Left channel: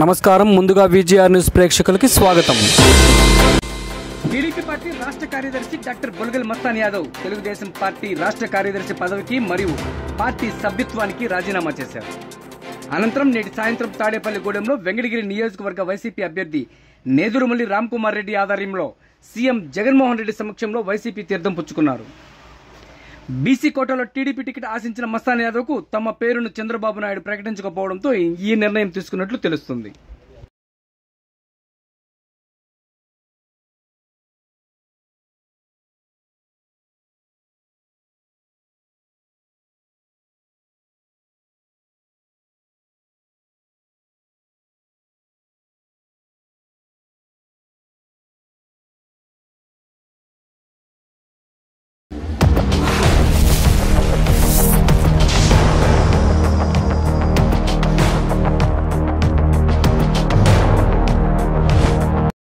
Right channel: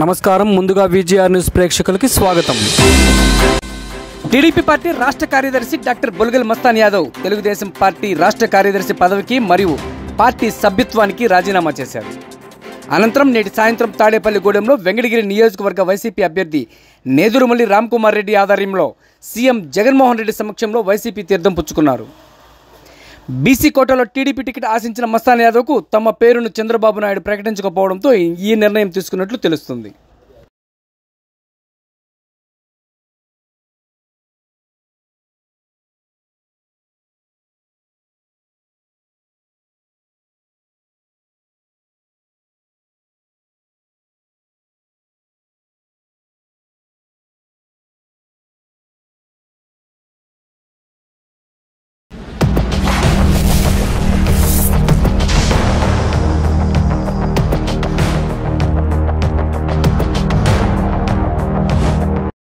నమస్కారం. ముందుగా VGR news ప్రేక్షకులకి స్వాగతం. టీడీపీ పార్టీ రాష్ట్ర కార్యదర్శి డాక్టర్ బొల్గల్ మస్తాన్ యాదవ్ తెలుగుదేశం పార్టీ రాష్ట్ర కార్యదర్శి పదవికి మరియు పార్టీ సభ్యత్వానికి రాజీనామా చేశారు. అనంతరం నేటి సాయంత్రం తాడేపల్లిగూడెంలో వెంకటగిరి నియోజకవర్గ వైసీపీ అభ్యర్థి నేదురుమల్లి రామ్కుమార్ రెడ్డి ఆధ్వర్యంలో సీఎం జగన్మోహన్ రెడ్డి సమక్షంలో వైసీపీ తీర్థం పుచ్చుకున్నారు. బీసీ కోటాలో టీడీపీ టికెట్ ఆశించిన మస్తాన్ యాదవ్కు తమ పేరును చంద్రబాబు నాయుడు ప్రకటించకపోవడంతో ఈ నిర్ణయం తీసుకున్నట్లు తెలుస్తుంది.